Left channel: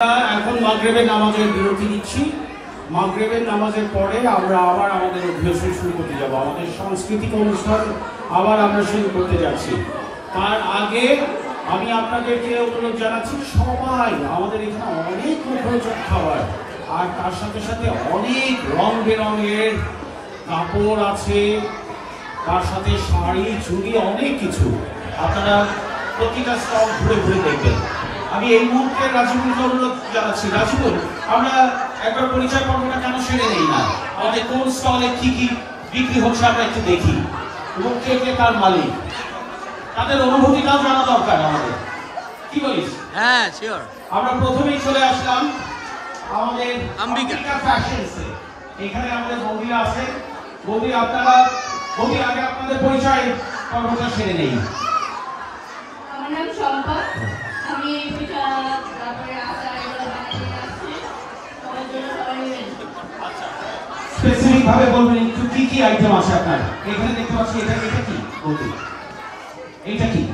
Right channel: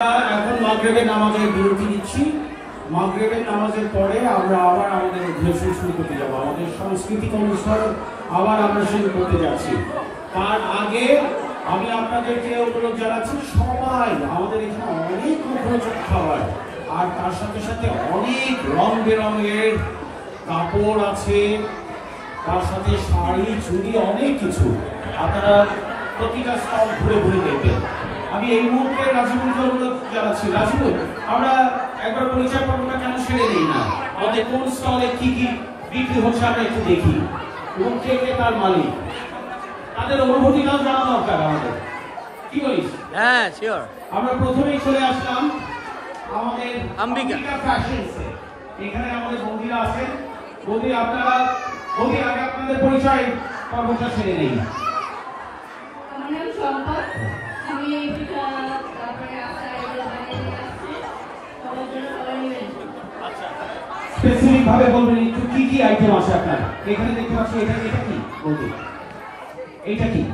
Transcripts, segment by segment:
এখন মাগরিবের নামাজের বিরতি নিচ্ছি। মাগরিবের নামাজের পরে আমরা আবার আমাদের অভ্যাস শুরু করতে যাব, আমাদের সাংস্কৃতিক অনুষ্ঠান আবার আমরা শুরু করতে যাচ্ছি। তার আগে আমি আপনাদেরকে অনুরোধ জানাচ্ছি, সবাই আমাদের এখানে অনেক মুখরোচক খাবার, আর তার সাথে সাথে অনেক রং বেরঙের কাপড় আছে, তার সাথে শাড়ি চুড়ি অনেক কিছু। আপনারা প্রতিটা স্টল ঘুরে ঘুরে দেখবেন। আমি এই মুহূর্তে রাজীবকে অনুরোধ জানাচ্ছি, রাজীব আমরা একবার পরিচয় পর্বটা কেন সেরে নেই না, আমাদের কোন স্টলে কি কি বিক্রি হচ্ছে আমরা একটু দেখি, এবং কে কে কার মালিক, তাদের অনুভূতিটাও জানা দরকার আমাদের। কি বলিস? হ্যাঁ শিওর। আমরা প্রথমেই চলে আসলাম আমাদের অম্বিকা ফ্যাশনসে। এখানে আমাদের বন্ধুরা আছে। বন্ধু আপনারা আগে আপনাদের পরিচয় পর্বটা সেরে নেই। আমার নাম সম্পদ, আমি তারপরে স্পেসিফিক ভাবে বলবেন একটু কি কি আইটেম আছে আপনার এখানে দেখতে পাচ্ছি। এটা কি বলতে, এইটা কি?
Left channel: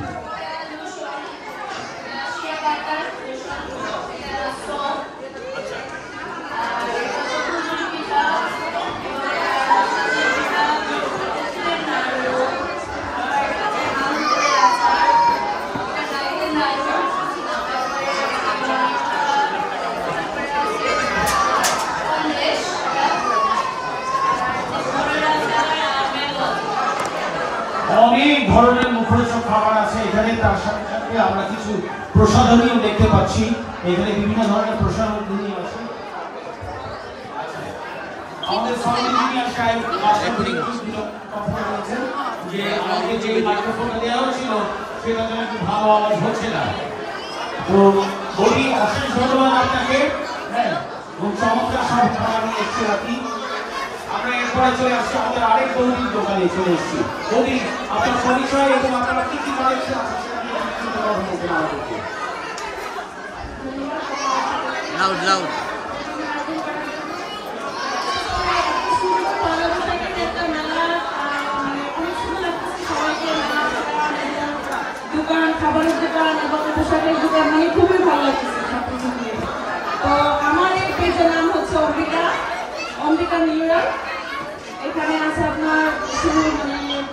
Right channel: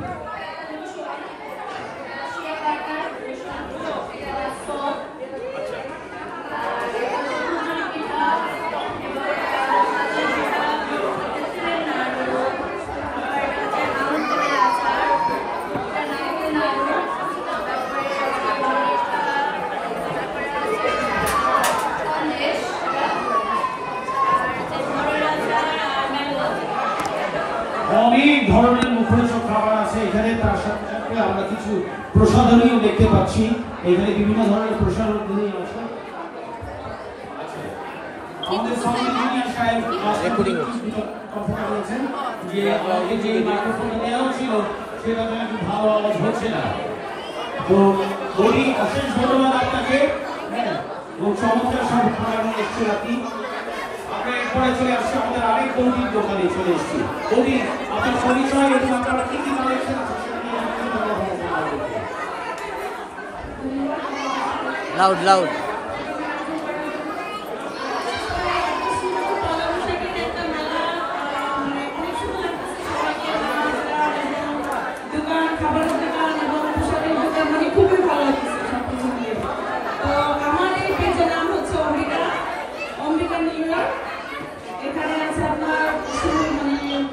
অনেক ধরনের মুখরোচক খাবার আছে এখানে। তার সাথে সাথে আমরা কিছু প্রসাধনীও দেখতে পাচ্ছি। এখানে বিভিন্ন ধরনের প্রসাধনী আছে। আমাদের সামনে যিনি সাহেব কথা বলেছেন যে আমাদের যে মাইক্রোফোনটা দেওয়া ছিল সেটা যেন একটু ভালো আওয়াজ হচ্ছে না। তো বলি অশেষ ধন্যবাদ আপনাকে। এবং চমৎকার সব খাবার এসছে আপনি। আমরা এরপরে চলে আসছি আমাদের আরেক বৌদির দোকানে চলে এসেছি। বৌদি আপনার পরিচয় এবং আপনারা কি কি কালেকশন আছে লাউড লাউড। দোকান, খাবারের দোকান এবং পোশাকের দোকান, মানে খুবই ভালো লাগছে সবকিছু মিলে। তো আমার এই পেজের নাম হচ্ছে অম্বিকা নিউ ইয়ার। এখানে আছে আপনার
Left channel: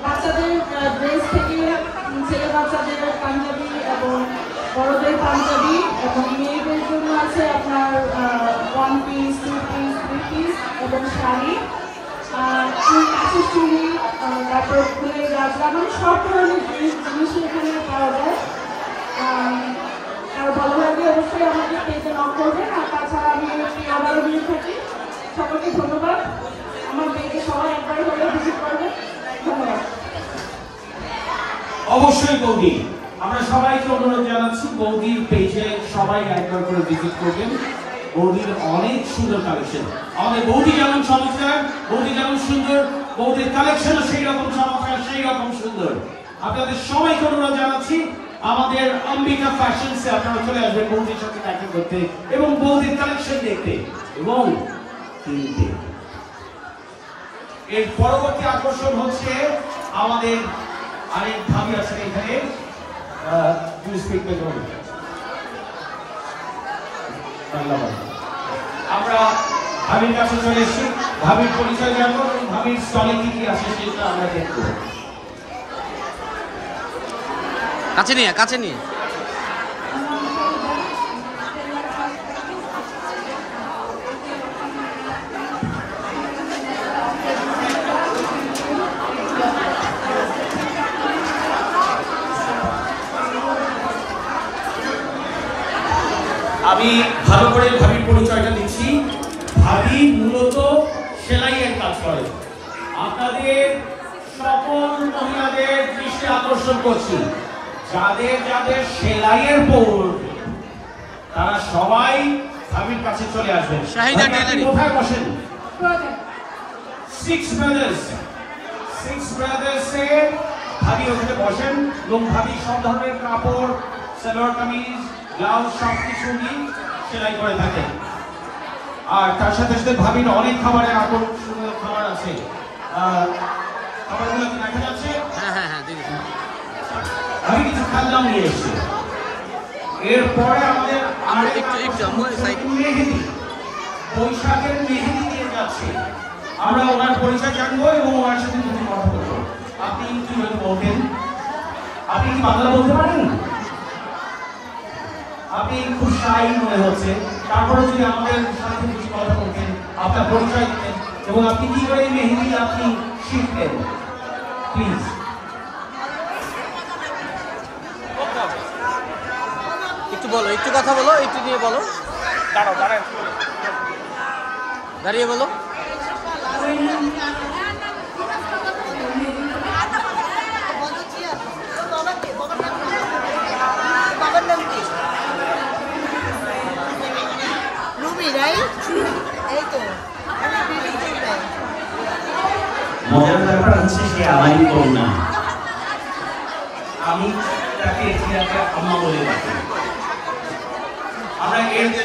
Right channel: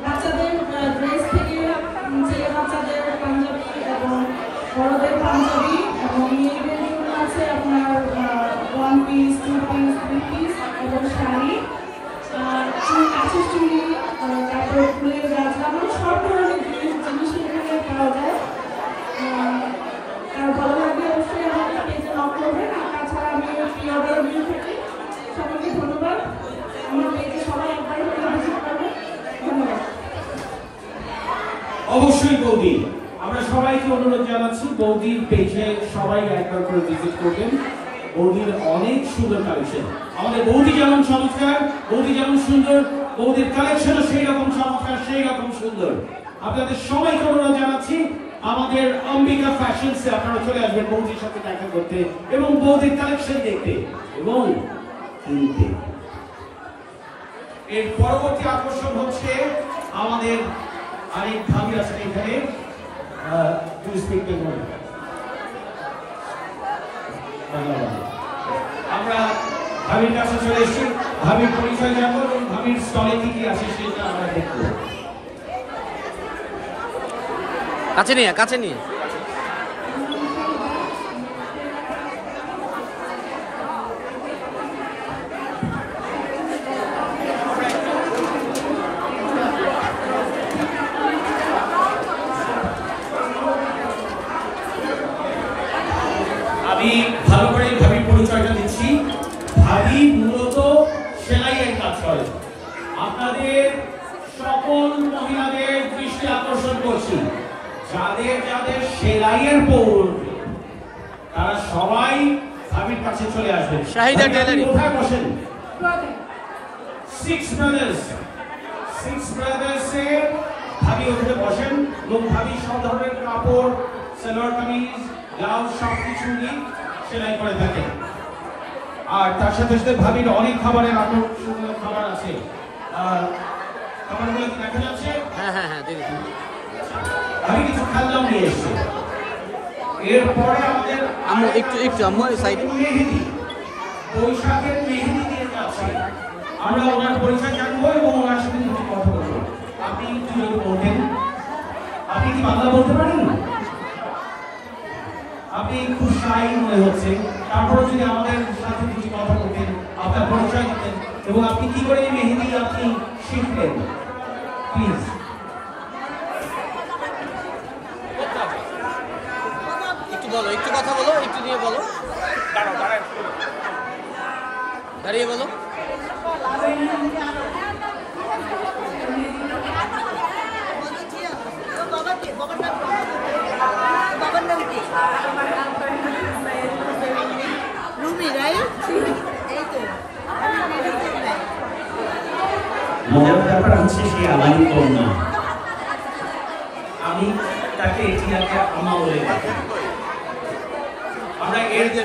বাচ্চাদের ড্রেস থেকে ছেলে বাচ্চাদের পাঞ্জাবি এবং বড়দের পাঞ্জাবি, এবং মেয়েদের জন্য আছে আপনার 1 পিস 2 পিস 3 পিস এবং শাড়ি, কাঁচের চুড়ি, তারপরে ফুলের গাছ লাগানো সব ধরনের জিনিস এখানে পাওয়া যায়। আর ভালো লাগে অবশ্যই আমাদের পেজে নক করবেন। আর তাছাড়া আমি অর্ডার নিয়ে থাকি। সকলকে ধন্যবাদ। আমার পেজে সবাই একবার হলে ভিজিট করবেন। ধন্যবাদ। অবশ্যই বৌদি, আমরা সবাইকে অনুরোধ জানাচ্ছি বৌদির পেজে সবাই একবার করে ভিজিট করবেন। বৌদির অনেক সুন্দর কালেকশন। আমাদের বৌদি যেমন চমৎকার, বৌদি যেমন সুন্দর, বৌদির কালেকশনও সেই রকম চমৎকার, সেই রকম সুন্দর। আপনাদের সবাইকে অনুরোধ জানাচ্ছি আমাদের অম্বিকা ফ্যাশনসে আপনারা চলে আসবেন বৌদির সাথে দেখা করতে এবং বৌদির কালেকশন দেখতে এবং কিনতে। এর পরবর্তী আকর্ষণ হচ্ছে আমাদের আরেক ভাবি আছে এখানে। আমরা ভাবির কাছে চলে এসেছি। ভাবির পরিচয় জানবো এবং ভাবির স্টলে কি কি আছে সেটা আমরা দেখবো। কাছে নিয়ে আমি ভালো করে ভাবির পরিচয়টা দিচ্ছি। ভাবি মূলত সেলাইয়ের কাজ করে। আপনাদের সকল মহিলাদের দৃষ্টি আকর্ষণ করছি, যাদের যাদের সেলাইয়ের পৌর তারা সবাই ভাবির কাছে চলে আসবেন। শাহিদা টেলারিং। কোথায় বসেন? 6 ব্রাদার্সে ভাবি ওখানে বসেন এবং ভাবি সব ধরনের কাপড়, সালোয়ার কামিজ, ব্লাউজ সব কিছু নিয়ে সেলাই করে থাকেন। আর তার সাথে সাথে ভাবির অনেক খাবারের আকর্ষণীয় খাবার আছে। খাবারগুলো দেখা যাচ্ছে। হ্যাঁ দেখি। আমি কিছু খেলনাও নিয়ে এসেছি। এরপরে আমাদের একটু আমার সাইড মেহেদি, বৈশাখের মেহেদি দিয়ে যাচ্ছে। আমরা ওনার পরিচয় জানবো এবং ওনার সাথে কিছু কথা বলবো। আপনি কি বলবেন? আপনি কি বাংলা বলতে পারেন? আপনি খুব শাই মনে হচ্ছে, তারপরে যদি আমাদের সাথে কিছু কথা বলতেন, আপনার পরিচয় দিতেন এবং আপনি কি করে মেহেদি আপনি শিখবেন, প্লিজ। একটু বলো, একটু কথা বলো, একটু নিয়ে বলো, দাঁড়িয়ে বলো। মজার ব্যাপার হচ্ছে সে আলাদা কন্যা, আমি তাকে এটিয়াকে আম্মা বলে ডাকি। আমরা এই যে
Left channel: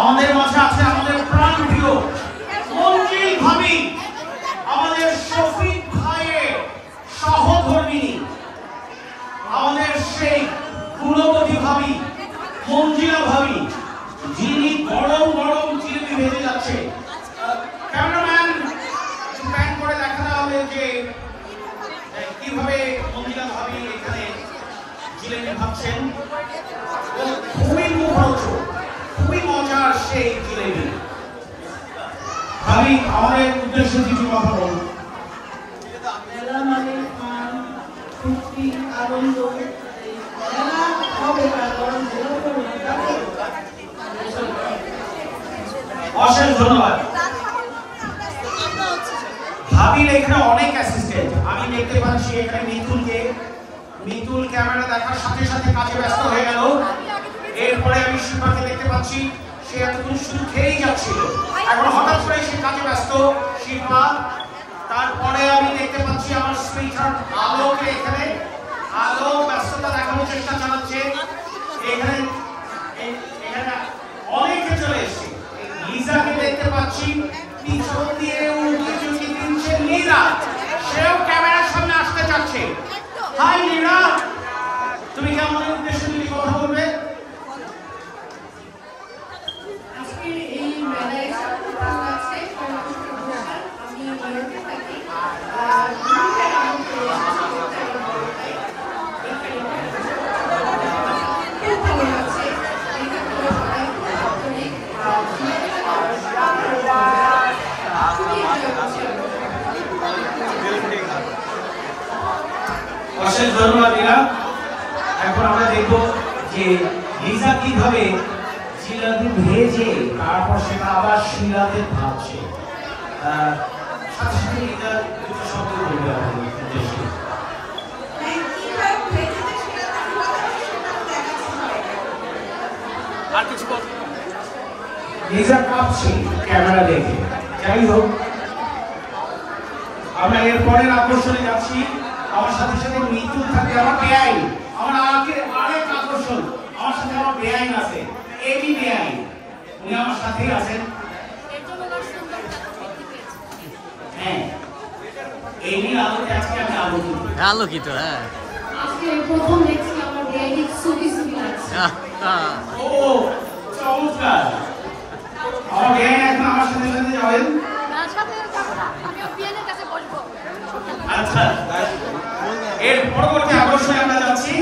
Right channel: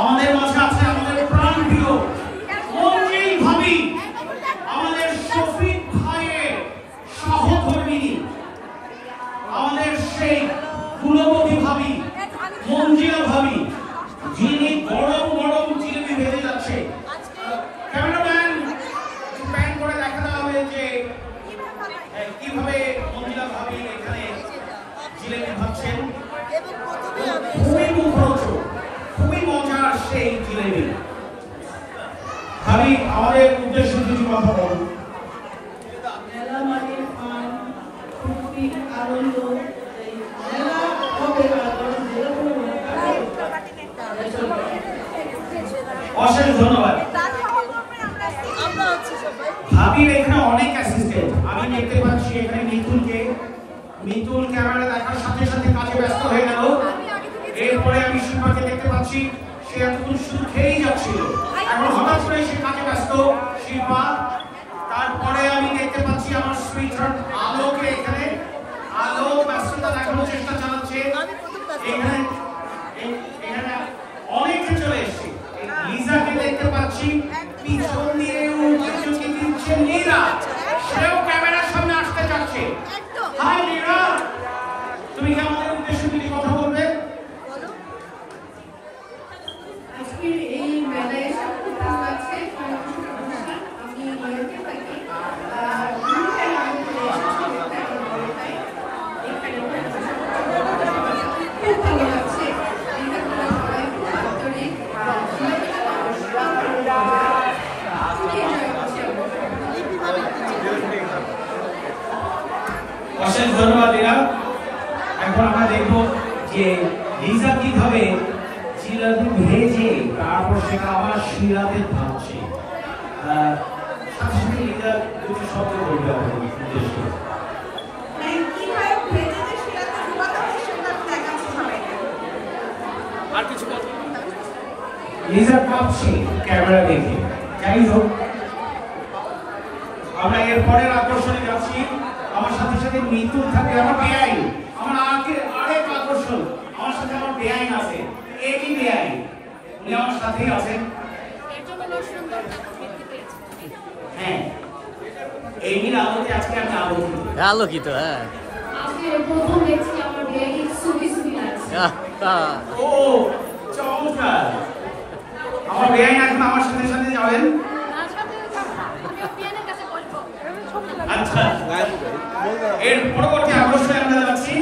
আমাদের মাঝে আছে আমাদের প্রাণপ্রিয় মঞ্জিল ভাবি, আমাদের শফিক ভাইয়ের সহধর্মিণী, আমাদের সেই গুণবতী ভাবি মঞ্জিলা ভাবি, যিনি গরম গরম জিলেবি ভেজে যাচ্ছে। ক্যামেরাম্যান প্যান করে দেখাতে হবে যে কিভাবে মঞ্জিলা ভাবি এখানে জিলেবি ভাবছেন। খুবই মুখরোচক, খুবই মজার সেই জিলেবি। ভাবি, আমাদের উদ্দেশ্যে কিছু কথা বলুন। মেলা মানে ফুর্তি, আনন্দ, মেলা হবে অশেষ ধন্যবাদ। ভাবির এখানে অনেক অ্যাসিস্ট্যান্ট আমি দেখতে পাচ্ছি। এখানে মিতুল ক্যামেরা দেখার সাথে সাথে কাজে ব্যস্ত হয়ে গেল। এরপরে আমি শিল্পাকে দেখতে পাচ্ছি, সে এতক্ষণ শুধু খেয়েই যাচ্ছিল, এখন হঠাৎ করে সে কাজে ব্যস্ত শিল্পা। তারপরে আমি দেখতে পাচ্ছি আমার সুইটহার্ট আলোকে, এখানে আলো ব্যস্ততা দেখানোর চেষ্টা চালাচ্ছে। এখানে অনেকে চলে এসছে। লিজাকে দেখতে পাচ্ছি পিছন দিয়ে উঁকি দিচ্ছে লিজা, সেও ক্যামেরার সামনে আসতে চাচ্ছে। হাই লিজা, তুমি কি আমাদের উদ্দেশ্যে কিছু কথা বলবে? আজকে এই মেলায় খুব ভালো লাগছে। আমি নিউইয়র্কে থাকি। খুব ভালো লাগছে। অশেষ ধন্যবাদ লিজা। এখন আমরা দেখব যে লিজা কিভাবে জিলাপি ভেজে তারপর সেটা আবার শিরাতে ভাজছে। সাথে সাথে লিজা কিছু শব্দ বলবে আমাদের উদ্দেশ্যে। আর কিছু বল। লিজা কাঁপছে ক্যামেরা দেখে। যাই হোক, আমরা এরপরের আকর্ষণে যাচ্ছি। আমার সাথে সাথে মিতুল থাকে, আমার বেআইন, আমার আরেক আকর্ষণ, আমার সাথে আমার বেআইন আছে, এবি বেআইন, উনি আমার সাথেই আছেন। হ্যাঁ, এই আলোতে আজকে আমি আলোকিত। আলোকিত, হ্যাঁ। আজকে প্রথম দেখছি আমার বেবি সুবি সুবি লাগছে। ও চমৎকার। আমার বেআইন এখন আমার সাথে সাথে যাবেন। আচ্ছা, এর পরবর্তী আকর্ষণে আমরা যাচ্ছি।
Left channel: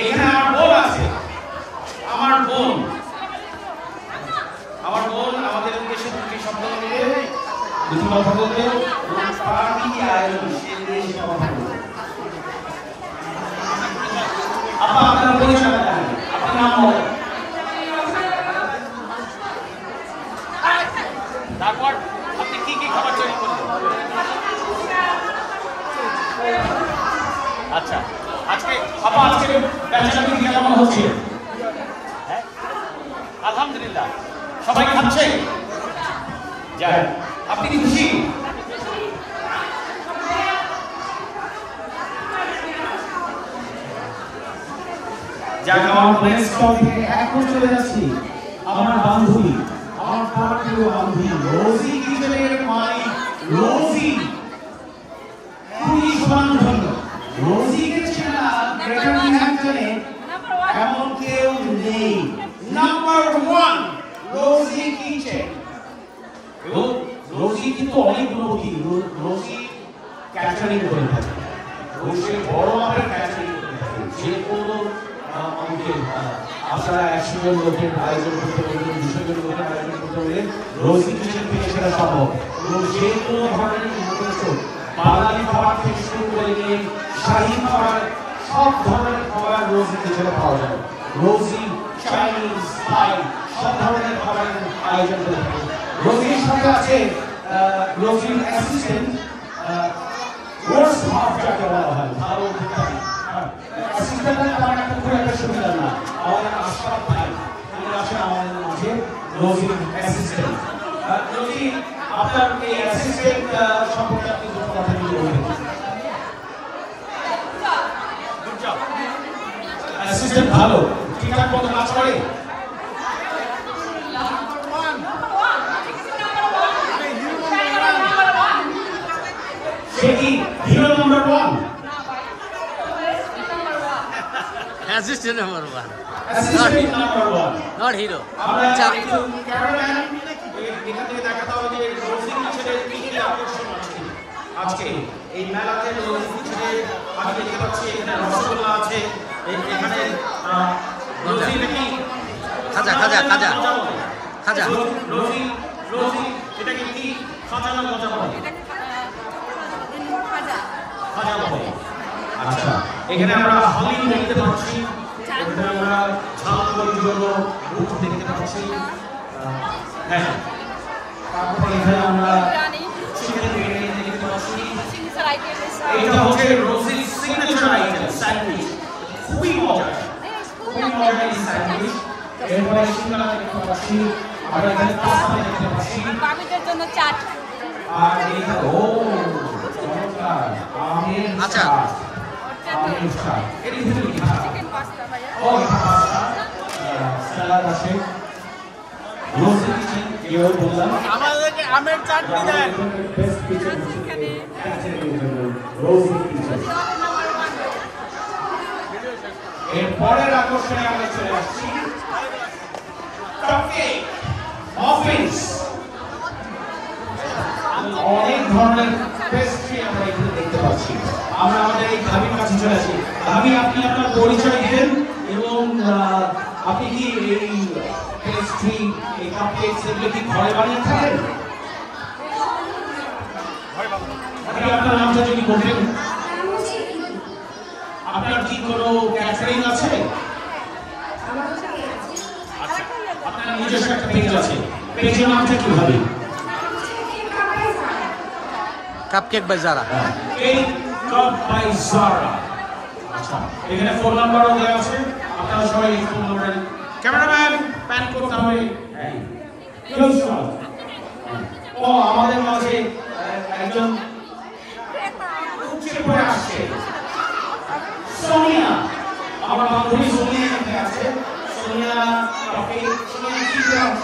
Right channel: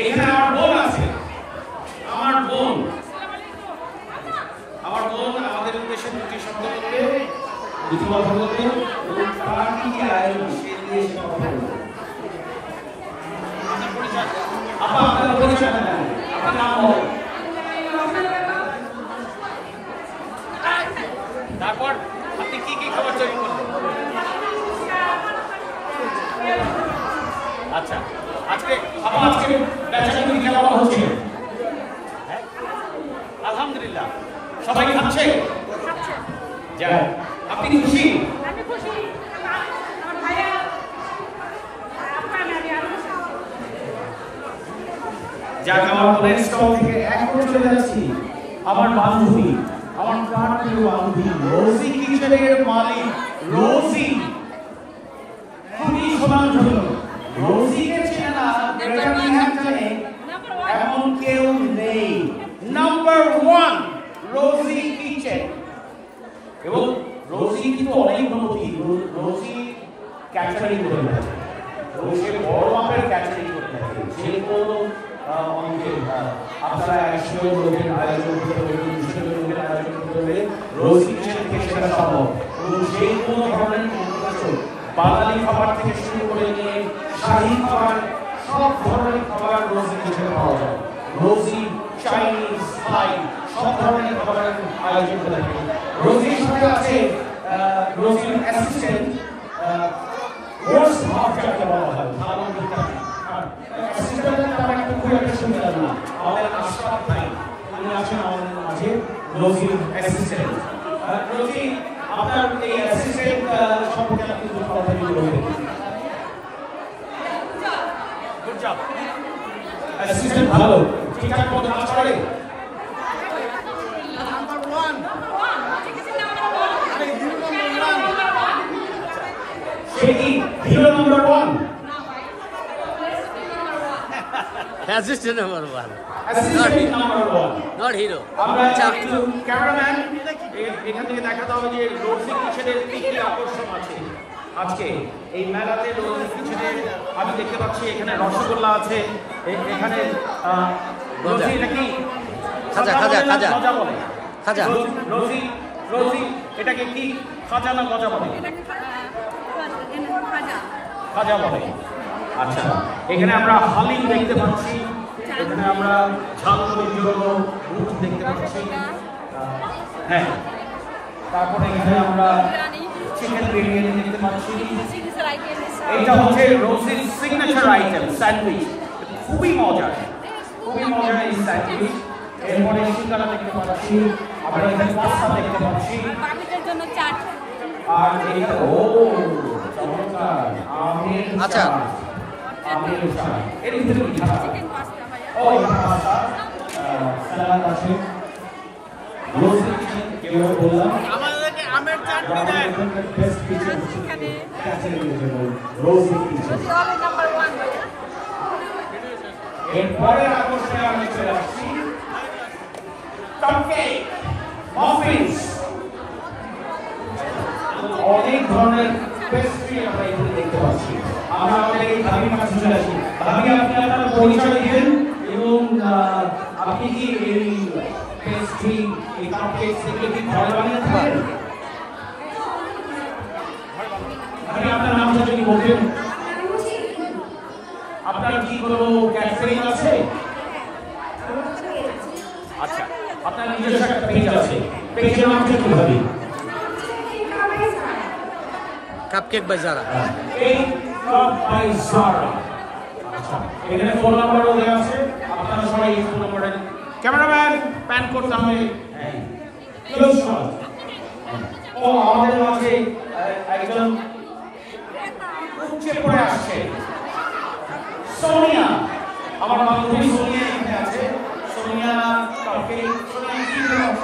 এখানে আমার বোন আছে, আমার বোন আমাদের উদ্দেশ্যে দুটি শব্দ বলবে, দুটি কথা বলবে। পার্টি আয়োজন কথা বলবে। আপা, আপনার পরিচয় দেন, আপনি নাম বলেন। তারপর আপনি কি কি খাবার তৈরি করবেন? আচ্ছা, আজকে ব্যবসাটি কেমন হচ্ছে? আলহামদুলিল্লাহ, সবাই খাচ্ছে। যাই, আপনি কি খুশি? যাক, আমার নেক্সট স্টল থেকে এখন চলে যাচ্ছি আমার বান্ধবী, আমার প্রাণপ্রিয় বান্ধবী রোজি কিচেনের মালিক রোজি খুবই সুনামধন্য। রোজিকে চেনা গ্রেটার ম্যানহাটনে এমন কেউ নেই। নাম্বার 1 রোজি কিচেন। এবং রোজি কিন্তু অনেক অনুভূতি। রোজি ক্যাটারিং করে থাকে, রোজির বড় মাপের ক্যাটারিং করে থাকে। যে কোনো আপনারা 100 জন লোকের আয়োজন করতে পারবেন, 200 জন লোকের আয়োজন করতে পারলে রোজি কিচেন থেকে সেটা সম্ভব। এবং যে কোনো ধরনের বাঙালি খাবার থেকে শুরু করে নিয়ে শাহী খাবার, সব ধরনের খাবার রোজি কিচেনে পাওয়া যায়। রোজি চাইনিজ, থাই সব ধরনের খাবারের আয়োজন করে থাকে। রোজির সাথে আছে রোজির অ্যাসিস্ট্যান্ট, কোর্স হাফ যাকে বলা হয়, ভালো বিজ্ঞানী। অ্যাসিস্ট্যান্টের তেমন একটা খুব একটা সুবিধা না। আমাদের আশরাফ ভাই উনি আছেন আমাদের মাঝে রোজির অ্যাসিস্ট্যান্ট। রোজি, আপনার এই অ্যাসিস্ট্যান্ট সম্পর্কে আপনি কিছু কথা বলবেন? Good job. অ্যাসিস্ট্যান্ট ভালো, ঠিকঠাক মতো কাজ করে? সে কি hero number 1? Assistant number 1, assistant number 1, not hero. আমরা আচ্ছা, একটু ক্যামেরাম্যান এখান থেকে দেখাতে হবে যে রোজি কিচেনের কি কি আকর্ষণ আছে আজকে এই মেলাতে। রোজি কিচেনে আমি দেখতে পাচ্ছি এখানে রসগোল্লা আছে, এখানে গজা, রোজি নাকি খাজা খাজা খাজা খাজা। রোজি রোজি এটাকে কি খাজা না গজা বলে? খাজা বলে। আচ্ছা, এখানে আমরা হালিম দেখতে পাচ্ছি, এখানে আমরা ঝাল মুড়ির মুখ দেখতে পাচ্ছি। হ্যাঁ, তারপরে এখানে আমরা চিকেন বিরিয়ানি দেখতে পাচ্ছি। এটা হচ্ছে রোজির সিগনেচার আইটেম, স্যান্ডউইচ। খুবই মজার, খুবই মজার এই স্যান্ডউইচ। এরপরে সিঙ্গারা দেখতে পাচ্ছি, আমরা এখানে পাস্তা দেখতে পাচ্ছি। আর এইটা ও চমৎকার আমের আচ্ছা। চাট, আমের চাট। এর ভিতরে কি থাকে? ও পাস্তা, সালাদ আছে। রোজি কিচেন কেউ বললাম আমাদেরকে আমের চাট আমাদের এখানকার বেস্ট কিচেন রোজি কিচেন। এরপরের আকর্ষণে আমরা চলে আসছি কাপকেক, মাফিনস। অনেক ধরনের পেস্ট্রি আমরা এখানে দেখতে পাচ্ছি। আমরা আমাদের এই ভাবির কাছে চলে আসি। ভাবি, আপনি আপনার পরিচয় দিবেন এবং আপনি কি এই পেস্ট্রি, এই কাপকেক এগুলো কি ঘরে বানিয়ে থাকেন? ভাবি, আপনার নামটা যদি বলতেন। আপনার কি কোনো ক্যাটারিং আছে? আচ্ছা, আপনার নিজস্ব একটা পেজ আছে, পেজের নামটা কি হবে? কাপকেক বাই জারা। এই কাপ বাই জারা। আচ্ছা, এখানে ফোন নাম্বারও দেওয়া আছে, আপনারা সবাই এই ফোন নাম্বারে ক্যামেরাম্যান প্যান করতে হবে। Close shot. ও আমাদের মাঝে একদম উঠে পড়ে আসছে সোনিয়া, আমার বান্ধবী সোনিয়া এখানে আছে। সোনিয়া কাপকেক, সোনিয়া কি করছে?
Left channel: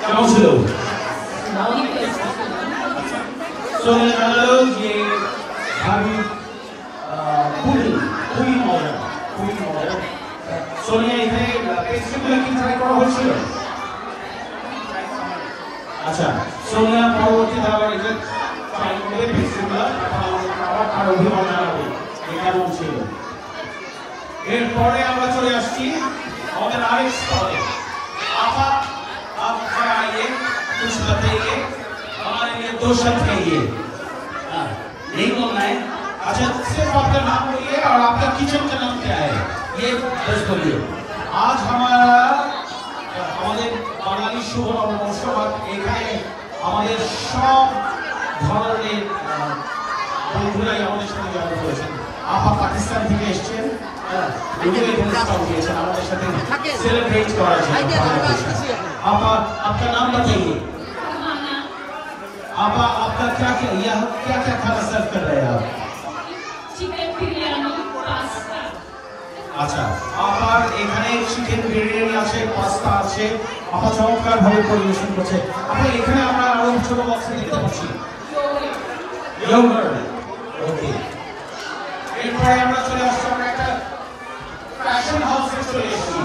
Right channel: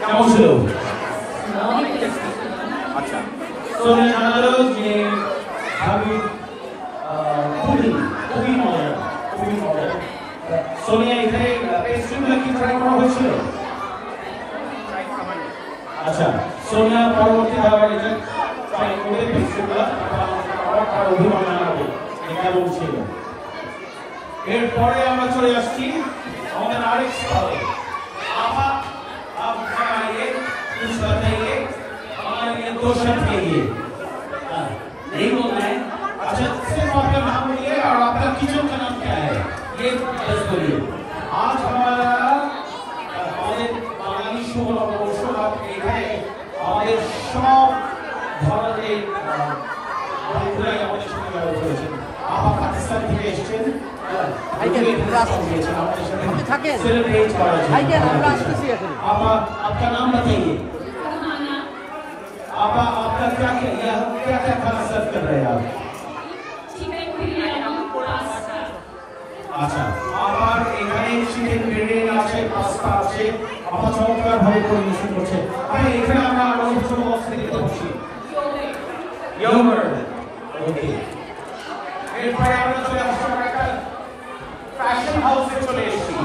কেমন ছিল? আচ্ছা, সোনিয়া জানালো যে ভাবি খুবই মজা, খুবই মজা। সোনিয়া এখানে পেস্ট্রিগুলো কি ট্রাই করা হয়েছিল? আচ্ছা, সোনিয়া পরবর্তীতে আবার এটা ট্রাই করবে পেস্ট্রিগুলো, তার অভিমান জানাবে এটা বলছিল। এরপরে আমরা চলে আসছি আমাদের আরেক স্তরে। आप खाइए, कुछ बताइए, हमारे लिए क्वेश्चन खाइए। नहीं बोलना है। अच्छा, सिर्फ आपका नाम बोलिए और आपका किचन का नाम क्या है, ये बस बोलिए। आज हमारा আমাদের বাঙালি শুভ নববর্ষ, এখানে আমাদের সব ধরনের বন্ধুরাই আমাদের সাথে জড়ো হয়েছেন। আপা পাকিস্তান থেকে এসেছেন, सेलिब्रेट करा जाए। आपका नाम बताइए। आपा आपका क्या क्या खाना सर्व कर रहे हैं आप? Chicken biryani, pasta. अच्छा, आप एखाने चिकन আপা চমৎকার ভাবে পরিবেশন করছে। আপা এখানে আমরা আরো ছোট বাচ্চা দেখতে পাচ্ছি। ওকে, এরপরে আমরা চলে আসছি একটা ফ্যাশন হাউসে চলে এসেছি।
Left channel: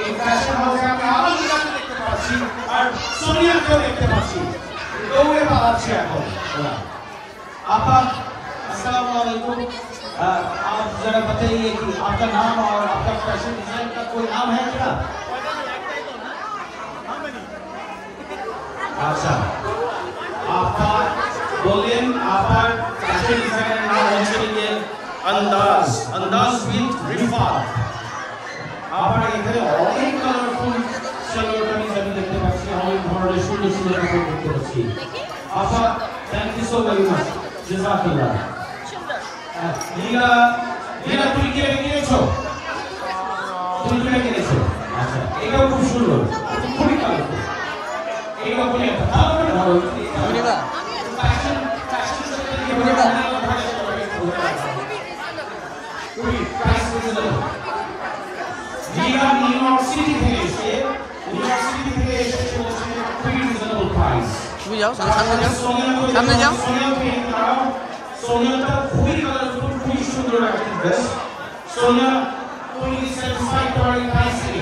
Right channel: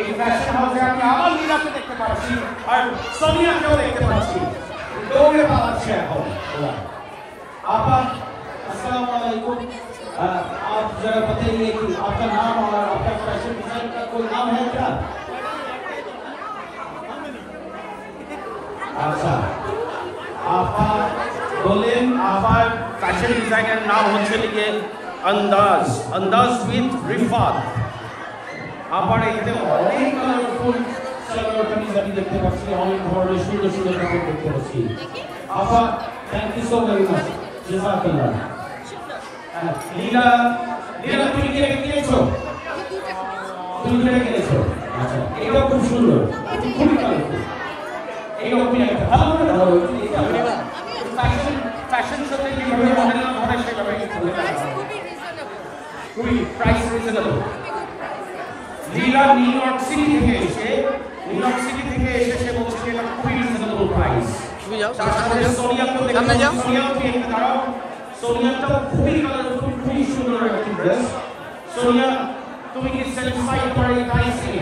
এই ফ্যাশন হাউসে আমরা আলমিরাকে দেখতে পাচ্ছি আর সোনিয়াকেও দেখতে পাচ্ছি। দৌড়ে পালাচ্ছে এখন। আপা अस्सलाम वालेकुम, आप जरा बताइए कि आपका नाम और आपका फैशन डिजाइन का कोई नाम है क्या? अच्छा, आपका बोलें, आपका फैशन डिजाइनर नाम হচ্ছে কি अंदाज, अंदाज विद रिफात। আপনারা এখানে অনেক কালারফুল সালোয়ার কামিজ আমি দেখতে পাচ্ছি, অনেক ধরনের সুন্দর সুন্দর কাপড় দেখতে পাচ্ছি। আপা thank you so very much, জাযাকাল্লাহ। নীলা, নীলা তুমি কি কিনেছো? তুমি কি কিনেছো? আচ্ছা, এটা খুব সুন্দর, খুবই কালারফুল। এইরকম একটা দাম না ধরো, বুঝিবা ফ্যাশন ফ্যাশন সাথে কি বুঝিবা খুবই প্রাইস রিজনেবল। নীলা নিউ ইয়র্ক সিটি থেকে এসে, নিউ ইয়র্ক সিটি থেকে এসে বলছে খুবই রিজনেবল প্রাইস। তুমি যাও, সামনে যাও, সামনে যাও। সোনিয়াটা খুবই কালারফুল, খুবই সুন্দর একটা ড্রেস। সোনিয়া, তুমি কি স্যাটিসফাইড করার এই প্রাইসে?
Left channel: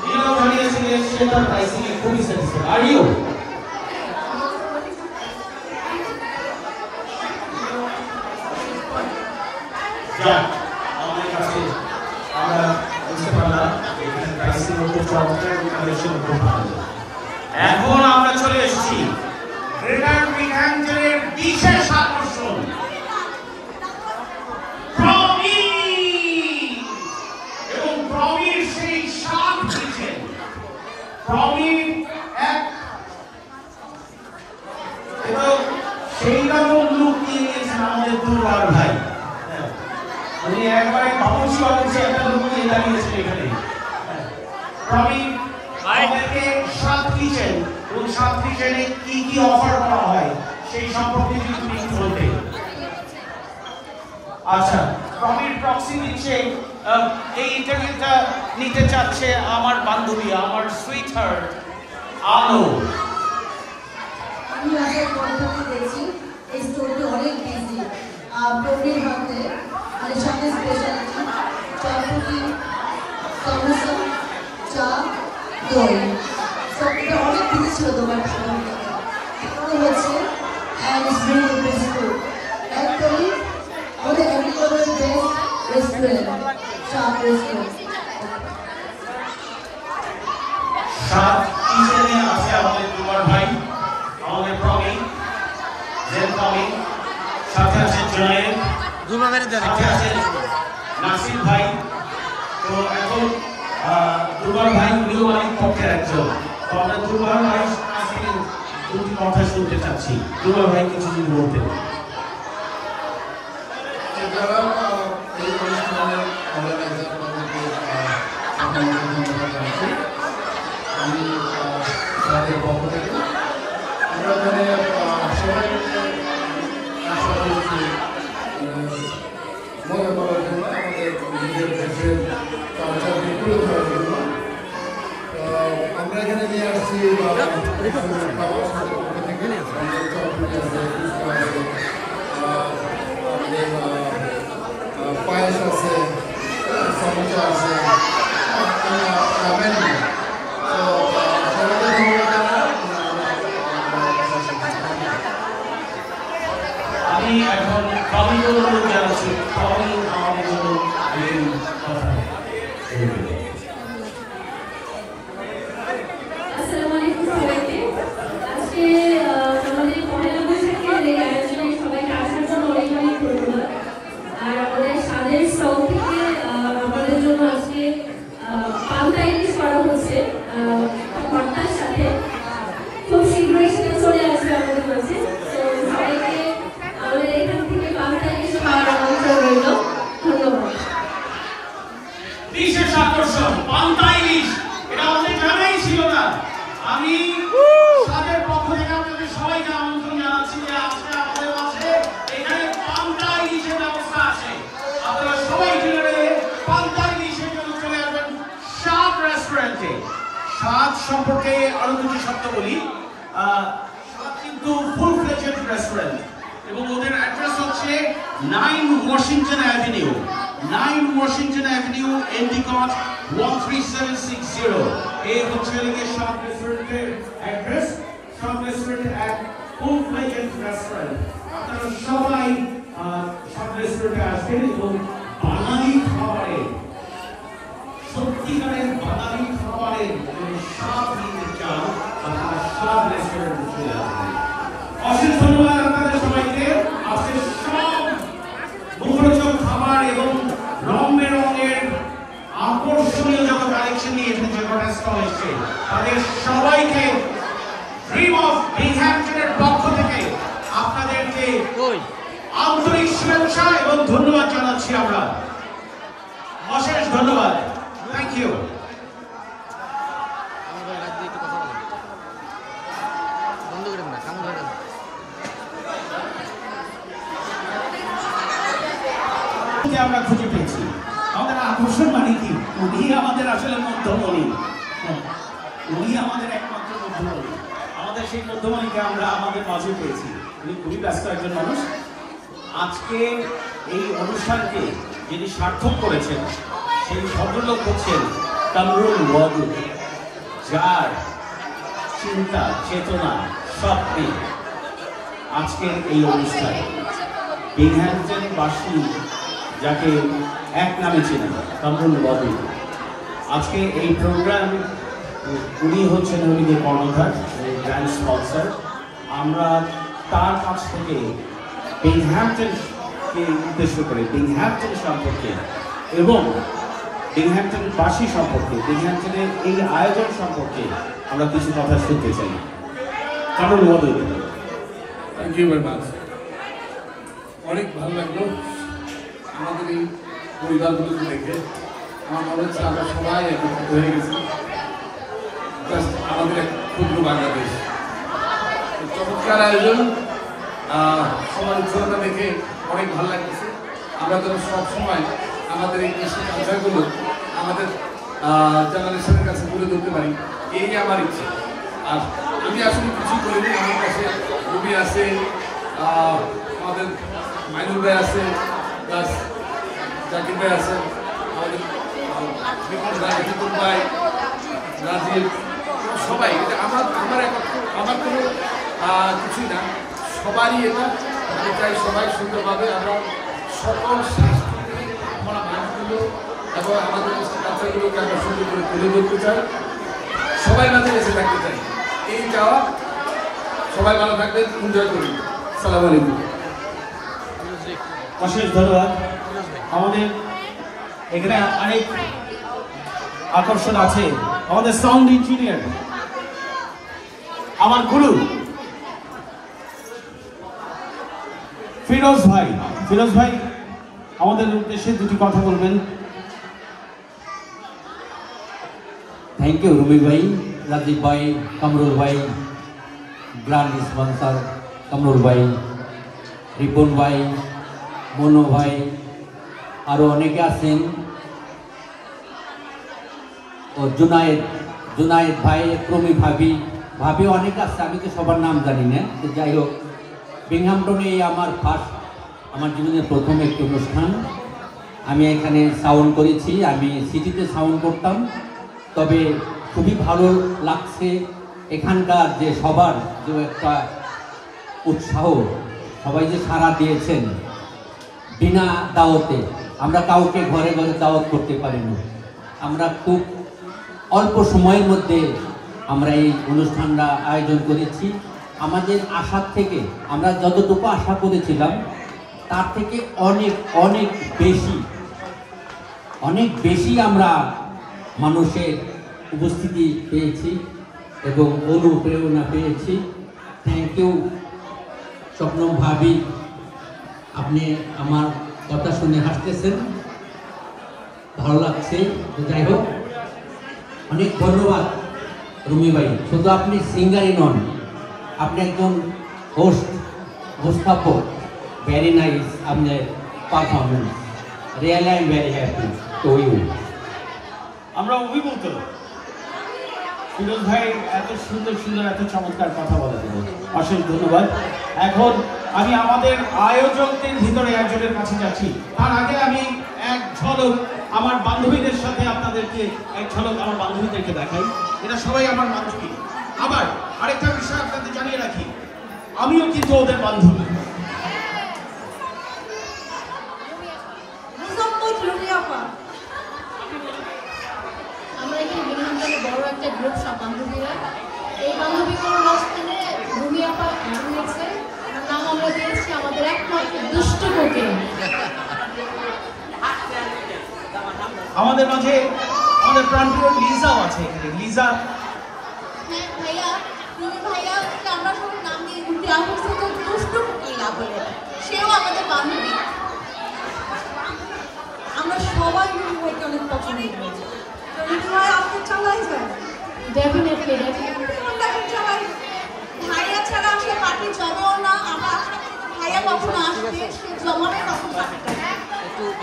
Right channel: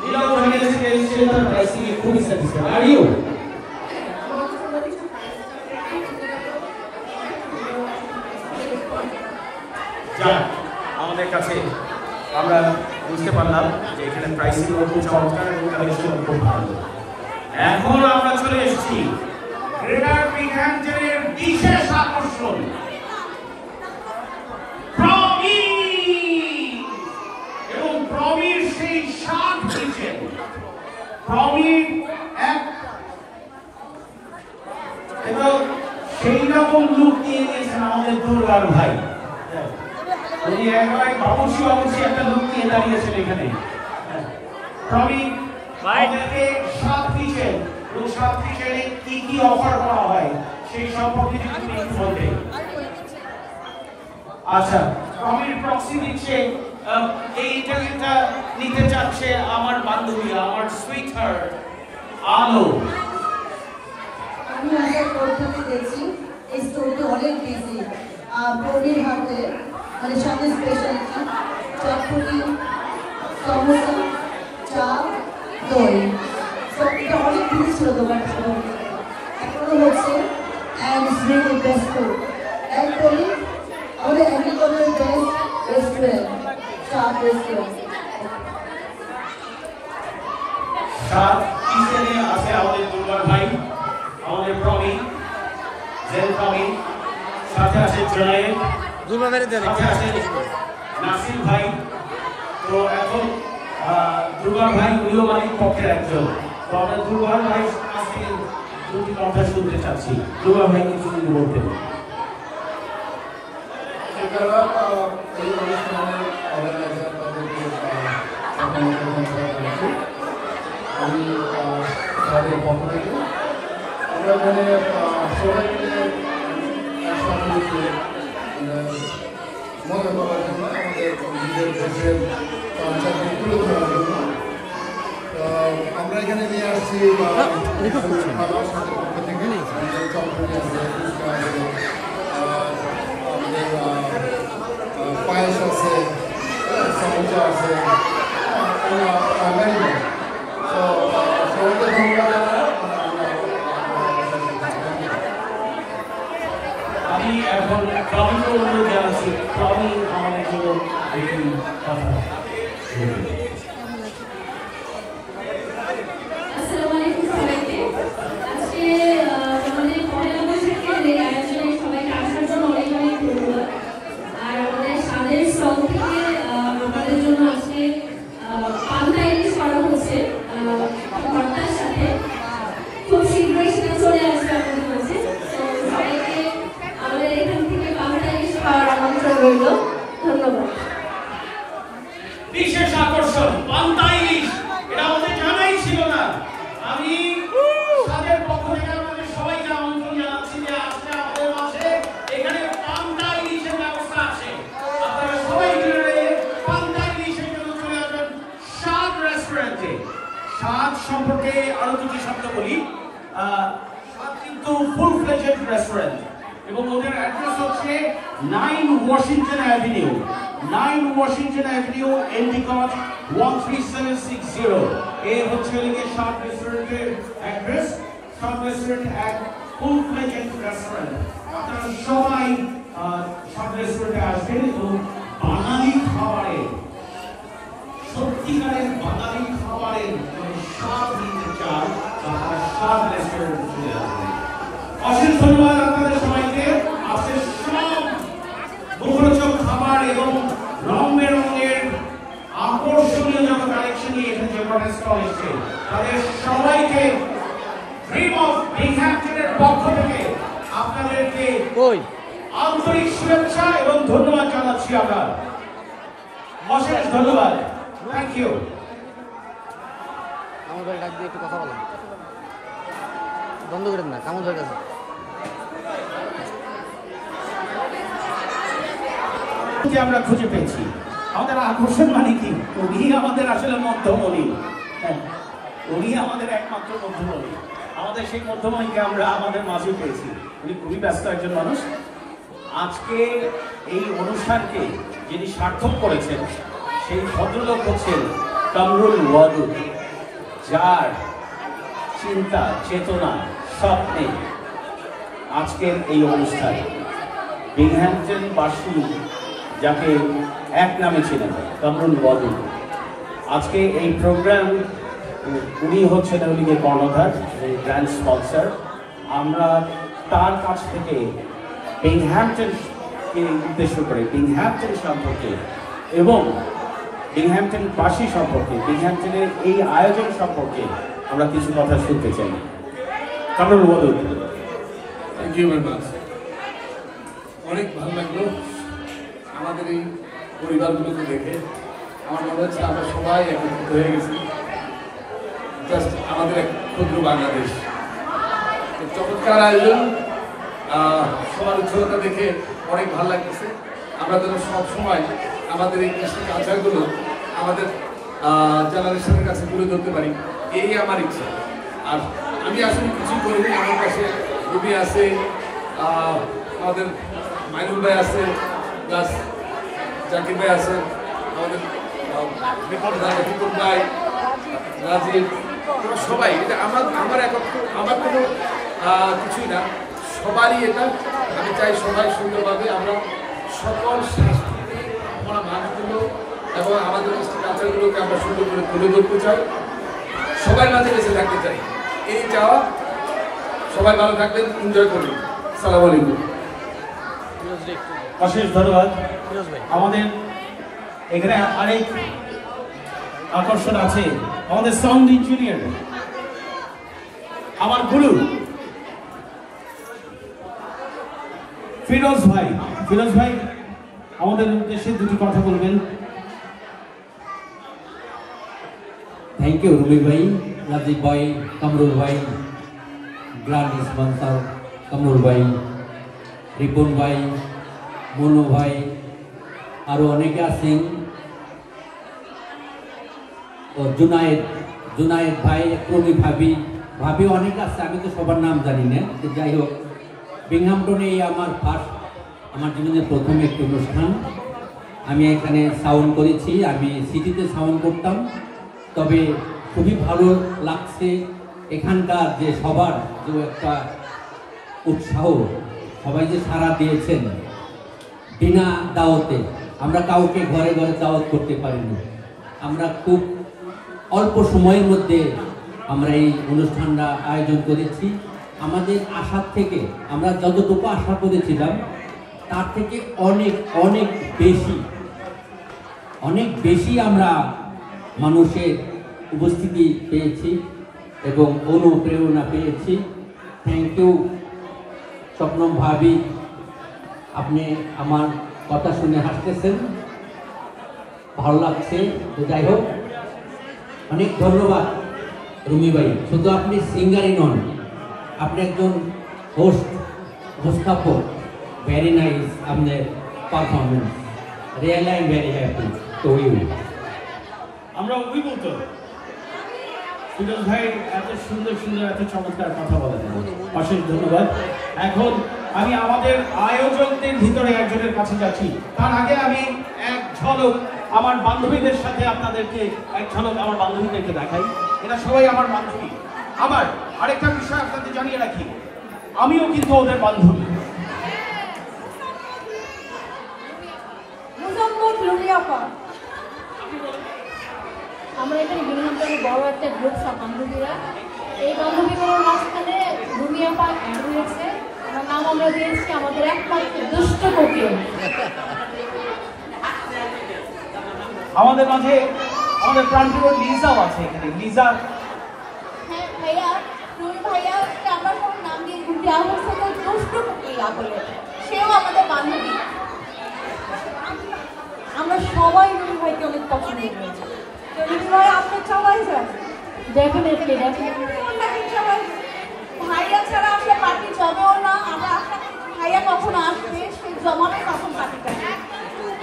নীলা বলেছে যে সেটার প্রাইসিং এ খুবই স্যাটিসফাইড। Are you? যাক, আমাদের কাছে আমরা বুঝতে পারলাম এখানে প্রাইসিং খুব চমৎকার এবং কালেকশন খুব ভালো। এখন আমরা চলে এসেছি গ্রেটার মিডহ্যাম্পটনের বিশেষ আকর্ষণ প্রমি, এবং প্রমির সেই সাত কিচেন। প্রমির এক এবং সেই রকম লুক নিয়ে নিয়েছেন আমাদের দুর্বার ভাই। উনি একবারে বাবুসি বাবুসি একটা লুক নিয়ে দাঁড়িয়েছেন এখানে। প্রমি আমাদেরকে সাত কিচেন এবং সাত কিচেনে কি কি অফার করা হয় সেই সম্পর্কে যদি তুমি একটু বলবেন। আচ্ছা, প্রমির প্রক্সি দিচ্ছে, এই ইন্টারভিউটা নিতে চাচ্ছে আমার বান্ধবী, আমার সুইট হার্ট আলো। আমি আশা করতে দেখছি এই স্টোরটি অনেক বিজি। প্রবীর হাতে আমাদের সামনে স্পেশালিটি চটপুরি, সমোসা, চা, দই। এটা অনেক বিজি ছিল দোকানটা, এখন হচ্ছে and it's really best food. Actually আমাদের এগ্রিকালচার বেস্ট রেস্টুরেন্ট, চা রেস্টুরেন্ট। সাত কিচেনে আছে আমাদের দুর্বার ভাই, আমাদের প্রমি, জেন প্রমি, সাথে আছে জয়ে, দুর্বা মেরে দেন একটু। নাসির ভাই। তো এখন দুর্বার ভাই প্রিয় অনেক পক্ষের একজন। তো আমরা দুর্বার ভাইয়ের কাছে দুটি কথা শুনতে চাচ্ছি। দুর্বার ভাই কিছু যদি বলতেন। আমি তাদের পক্ষ থেকে মজা করার জন্য, আমাদের নিজের দেশের কালচারকে তুলে ধরার জন্য আমরা এখানে নিয়ে আসছি খাবার সাথে পক্ষ থেকে আমাদের চটপুরি আছে, ফুচকা আছে, আমাদের পায়েস আছে, সমোসা আছে, তো সবাইকে ধন্যবাদ। আমি এখন প্রমিকে অনুরোধ জানাচ্ছি, প্রমি আমাদের জন্য আসসালামু আলাইকুম সবাইকে। আজকে আমাদের পহেলা বৈশাখের এই আয়োজনে সবাইকে আসার জন্য অনেক অনেক ধন্যবাদ। আর আমাদের স্বাদের শখ থেকে আমাদের জন্য আজকে পান্তা ইলিশ রেস্টুরেন্টে স্বাদ সম্পর্কে আরো দুটি শব্দ বলি। স্বাদ কিন্তু ফুল ফ্লেজড রেস্টুরেন্ট এবং ওদের অ্যাড্রেস হচ্ছে 9 ওয়াশিংটন অ্যাভিনিউ, 9 ওয়াশিংটন অ্যাভিনিউ, এন্ডিকট 13760। এই হচ্ছে স্বাদ রেস্টুরেন্টের অ্যাড্রেস। স্বাদ রেস্টুরেন্ট এক ফুল ফ্লেজড রেস্টুরেন্ট। আপনারা সবাই স্বাদ রেস্টুরেন্টে আসবেন এবং বাঙালি খাবারের, সত্যিকারের বাঙালি খাবারের স্বাদ নিতে চান আপনারা স্বাদ রেস্টুরেন্টে চলে আসবেন। অশেষ ধন্যবাদ আপনাদের সবাইকে। আজকে সব মুখরোচক খাবার এবং রং বেরঙের আকর্ষণীয় যত কালেকশন নিয়ে এখানে যে কটা স্টল এসেছে তাদের সবাইকে ড্রিম অফ বিংহ্যাম্পটনের পক্ষ থেকে আপনাদেরকে আন্তরিক শুভেচ্ছা এবং ধন্যবাদ জানাচ্ছি আমরা। অশেষ ধন্যবাদ। Thank you. বন্ধ করেন না, কেমন হয়ে গেছে? আমরা খুঁজে পেয়েছি আমাদের আকর্ষণ মানে কি, উনি আমাদের আসলে মধ্যমণি, উনি আমাদের একমাত্র মধ্যমণি। আমাদের সেই মধ্যমণিকে আমরা আমাদের মাঝে পেয়েছি। উনি খুবই ব্যস্ত একজন মানুষ। আজকে এই অনুষ্ঠানকে যিনি সার্থক করেছেন সেই ভদ্রলোক হচ্ছেন কামরুল ওয়াদুদ, যার চিন্তা চেতনা স্বপ্নে আজকের এই অনুষ্ঠান। বিংহ্যাম্পটনবাসী যাকে এক নামে চেনেন, কামরুল ওয়াদুদ। আজকে এই প্রোগ্রাম উনি হচ্ছেন উনি কর্ণধার, গ্র্যান্ড স্পন্সর। আমরা তার কাছ থেকে বিংহ্যাম্পটনকে উদ্দেশ্য করে, বিংহ্যাম্পটন সম্পর্কে এবং বিংহ্যাম্পটনবাসী সম্পর্কে, বিংহ্যাম্পটনের এই আয়োজন সম্পর্কে আমরা কিছু কথা শুনতে চাই। Kamrul Wadud. Thank you very much. অনেক ভালো লাগলো আমাদের এই পরিবারগুলোকে দেখে। আমার মনে হচ্ছে আমরা সবাই একত্রিত হয়ে গেছি, জাস্ট আমাদের এক ক্ষুদ্র বাংলাদেশ। চমৎকার আয়োজন, সবার উৎসবতা দেখে অনেক ভালো লাগতেছে। আমরা যেন সবসময় আমাদের এই কৃষি কালচারগুলো আমাদের জেনারেশনের কাছে তুলে ধরতে পারি, এই আমার ইচ্ছে। আর আমি আসলে কিছু করিনি, আমার কাছে রবি আছে, আমাদের মাইনুল ভাই আছে, প্লাস জাকির ভাই আছে, আমাদের বিপুল ভাই, রাজীব, সবাই। এটা আমার আমার কোনো কিছুই না, সবারই এটা। আমি চাই সবাই সুন্দরভাবে আমরা সকল সাংস্কৃতিক আমরা মানুষগুলো এবং আমাদের কালচারগুলোকে আমরা সুন্দর করে তুলে ধরতে চাই, সবাই মাঝে বেঁচে থাকতে চাই, এই চাওয়া। সবাই ভালো থাকবেন, এনজয় করুন। সালাম আলাইকুম। অশেষ ধন্যবাদ। আমাদের এখানে অনেক আকর্ষণ আছে। আমাদের সাউন্ড ইঞ্জিনিয়ার, আমার গুরু ফিরোজ ভাই। ফিরোজ ভাই আমাদের উদ্দেশ্যে দুটি কথা বলবেন। থ্যাংক ইউ রবি ভাই, রাজীব ভাই, কামরুল ভাই, গ্র্যান্ড স্পন্সর কামরুল ভাই, রিপন ভাই, মনো ভাই, আরও অনেকে আছেন, ও জুনায়েদ ভাই, প্রমি ভাবি, অনেক আছে, আমি তো সবার নাম জানি না। তো যাই হোক, বিংহ্যাম্পটনে আমার জীবনের প্রথম একটি অনুষ্ঠান। আমি এখানে সাউন্ড করেছি, আমি সিটিতে সাউন্ড করতাম। তবে খুবই ভালো লাগছে এখানকার যে সবার যে একটা উৎসাহ, সবাই যে সাড়া দিয়েছেন বিনা দাওয়াতে। আমরা কাউকে ঘরে ঘরে দাওয়াত করতে পারিনি, আমরা খুব অল্প সময়ের মধ্যে আমরা এই অনুষ্ঠানটা আয়োজন করেছি। আমাদের আশার থেকে, আমরা যতটুকু আশা করেছিলাম তার থেকে অনেক বেশি আমরা মানুষের উপস্থিতি পেয়েছি এবং অনুপ্রেরণা পেয়েছি। থ্যাংক ইউ স্বপ্নম ভাবি, আপনি আমার কথা শুনে হাসতেছেন, ভালো লাগছে। তো যাই হোক, অনেক ধন্যবাদ রুমি ভাই। শুধু আপনি সিঙ্গারই নন, আপনি একজন হোস্ট, উপস্থাপক। ভেরি নাইস আপনার performance, really I am very happy to you. আমরা ওই বলতো ফিরোজ ভাই এত সুন্দর সুন্দর এত চমৎকার কথা বলার জন্য অশেষ ধন্যবাদ। এখন আমি আমাদের আয়োজকদের ভিতরে একজনের কাছে যাচ্ছি। তার আগে আমি এক ঝলক আমার বান্ধবীদের সাথে আপনাদেরকে এক ঝলক আমার বান্ধবীদেরকে দেখাই। এরা সবাই আমার বান্ধবী। আবার আরেকটা বিষয় আপনাদের জানিয়ে রাখি, আমিও কিন্তু ওদের বান্ধবী। আমরা এখানে বিভিন্ন বড় একটা গ্রুপ সব বান্ধবীরা, এই বান্ধবীগুলোর মাঝখানে রুমি আপা রয়েছে, ওনার নাম আমরা দিয়েছি আমাদের একমাত্র দুষ্ট মুখে। আমাদের মাঝে আমাদের প্রাণপ্রিয় লিজাও আছে এখানে। লিজা, হ্যাঁ ভাইয়া, রুমি ভাইয়া আমরা সবার নাম দিয়ে ঘুরতে আমার সাথে দুষ্ট মুখে বলে, সেও আমাদের বান্ধবী। আমরা সবাই রুমি ভাইকে অনেক পছন্দ করি। আপনি চালাই যায় ডেফিনেটলি চালাই। ভাইয়া ছাড়া আসলে পার্টি জমাও না। আমরা আশা করি ভাইয়া কখন আসবে, সে জমাবে তখন পার্টিটা।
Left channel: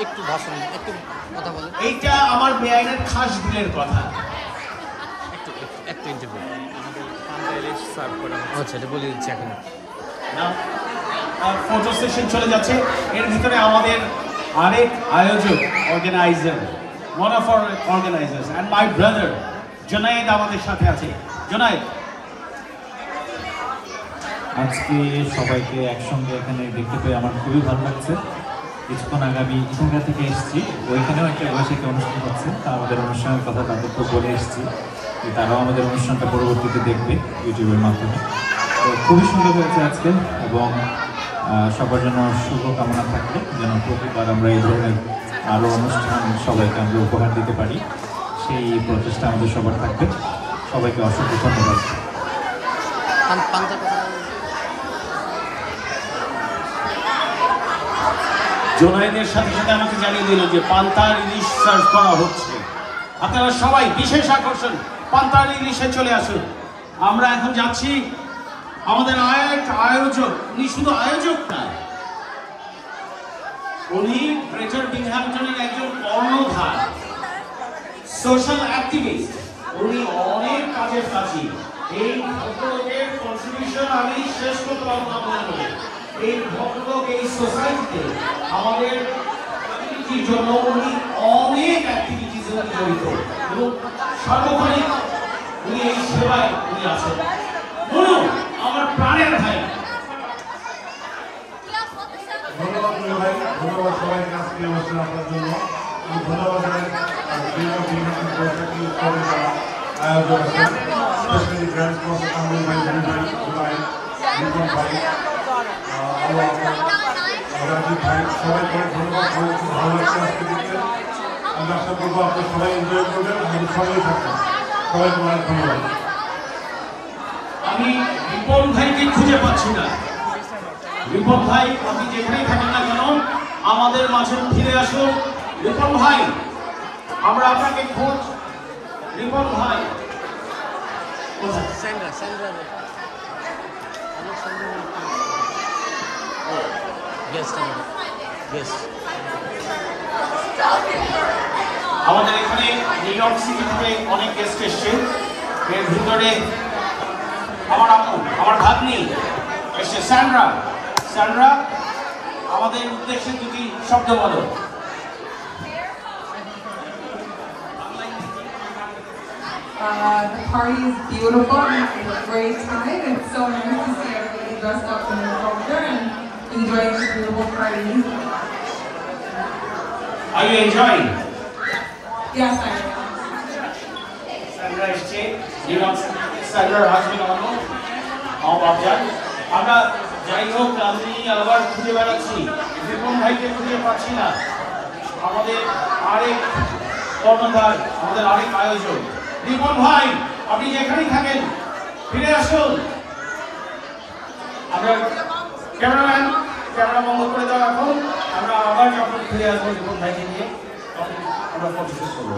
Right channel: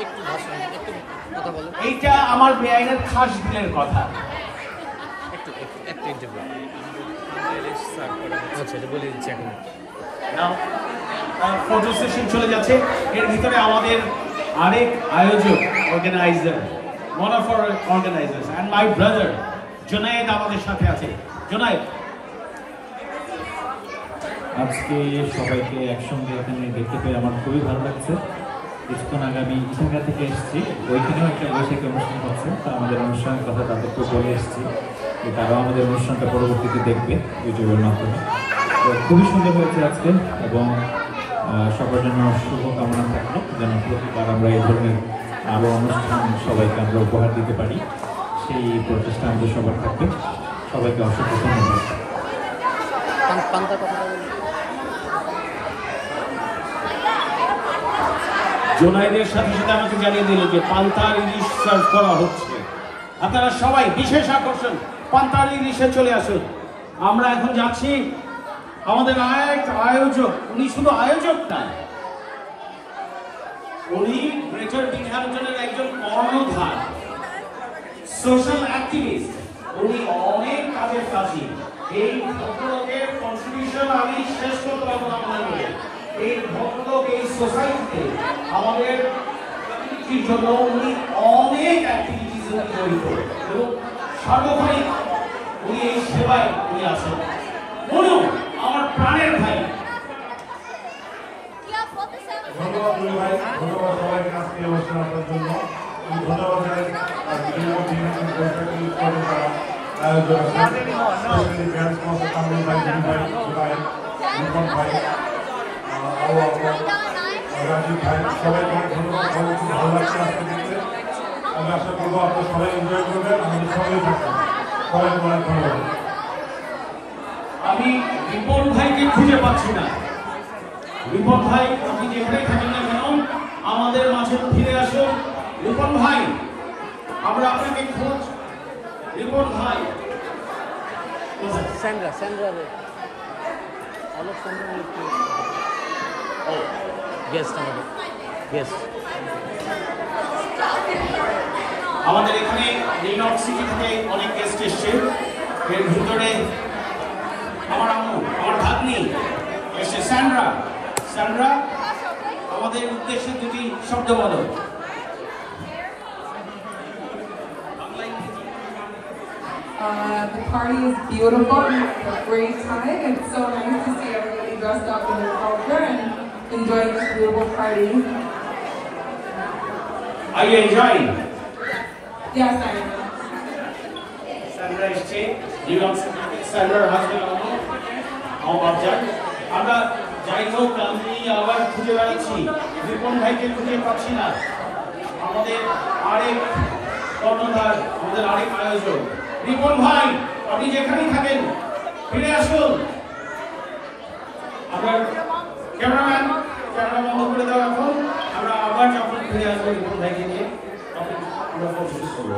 একটু ভাষণ, একটু কথা বলেন। এইটা আমার বেআইনের খাস দিলের কথা। একটা ইন্টারভিউ আচ্ছা, এটা বলে দিচ্ছি এখন। ফটো সেশন চলে যাচ্ছে। এর ভিতরে আমাদের আরেক আয়োজক, organizer, one of our organizers and my brother Junaid আমাদের সাথে আছে। জুনায়েদ, আজকে সবাইকে একসঙ্গে এখানে দেখতে পেয়ে আমার খুবই ভালো লাগছে। কিছুক্ষণ আগে আমি ইসঙ্গা থেকে এসেছি, ওইখানেও একটা বৈশাখী অনুষ্ঠান হচ্ছে, তা আমাদের অনুষ্ঠানের কথা তাদেরকে বলে এসেছি যে তারাও আমাদের অনুষ্ঠানটা পরবর্তীতে দেখবে ইউটিউবের মাধ্যমে। তো খুবই সুন্দর হয়েছে আজকে, এবং সবার জন্য শুভকামনা থাকলো যেন প্রতিবার আমরা এই ধরনের আরও অনুষ্ঠান সবাইকে আমরা উপহার দিতে পারি, সেই প্রচেষ্টা আমাদের সবার থাকবে। সবাইকে অসংখ্য ধন্যবাদ। জুনায়েদের সাথে সাথে আমাকে জানিয়ে দিল যে পান্তার ইলিশ সার্ভ করা হচ্ছে। আপনারা সবাই বিশেষ আকর্ষণ পান্তার ইলিশে চলে আসুন। আমরা এখন যাচ্ছি আমাদের আয়োজক, উনি শুধু আয়োজক না, উনি গ্রেটার বিংহ্যামটনের একজন কর্ণধার, সোশ্যাল অ্যাক্টিভিস্ট। উনি অনেক কাজের কাজী। এই ভদ্রলোকের কন্ট্রিবিউশন আমি শেষ করতে পারবো না মনে করে। এই ভদ্রলোক এই সোসাইটিতে আমাদের কমিউনিটির জন্য উনি অনেক অ্যাক্টিভিটিস জড়িত এবং সর্বক্ষণিক উনি এই সেবায় উনি আছেন। বলুন আমার প্রাণের ভাই। ধন্যবাদ রুমি ভাই, ধন্যবাদ সবাইকে আজকে এই অনুষ্ঠান আপনার জন্য। ধন্যবাদ বৈশাখী উৎসবের যারা আয়োজক আছেন, স্পেশালি গ্র্যান্ড স্পন্সর কামরুল ভাই, রুমি ভাই, জুনায়েদ, রিপন ভাই, আবু আপা, রাজীব ভাই, সবাইকে অনেক ধন্যবাদ। সবাই খুব ভালো লাগছে আজকে দেখতে। আমি আশা করবো আপনারা সবাই এনজয় করবেন, আমাদের সঙ্গেই থাকবেন। সবাইকে অনেক ধন্যবাদ। আমি রিপন ভাইকে খুঁজে পাচ্ছি না। রিপন ভাই, আপনি যেখানেই থাকেন না কেন আমাদের মাঝে ফিরে আসুন। রিপন ভাই, আমরা আপনাকে খুঁজ। রিপন ভাই, আমাদের এখানে নিউ ইয়র্ক সিটি থেকে অনেক গেস্ট এসছে। এর ভিতরে আমার আম্মু, আমার ভাগ্নি এসছে, স্যান্ড্রা। স্যান্ড্রা, আমাদের উদ্দেশ্যে দুটি শব্দ বলো। The party is beautiful. It's a great time. It's so nice to see everybody dressed up in their culture and enjoying this beautiful party. Are you enjoying? Yes, I am. Sandra এসছে, new York city থেকে। স্যান্ড্রার husband আমার জান। আমরা যাই হোক, আমি আবার খুঁজে বেড়াচ্ছি, রিপন ভাইকে খুঁজে পাচ্ছি না। আমাদের আরেক কর্ণধার, আমাদের আরেক আয়োজক রিপন ভাই, আপনি যেখানেই থাকেন ফিরে আসুন। আমরা ক্যামেরাম্যান, ক্যামেরা বন্ধ করে দাও এখন। আমরা আবার যখন ফিরে আসবো রিপন ভাইকে নিয়ে, তখন আমরা পৌঁছে করবো।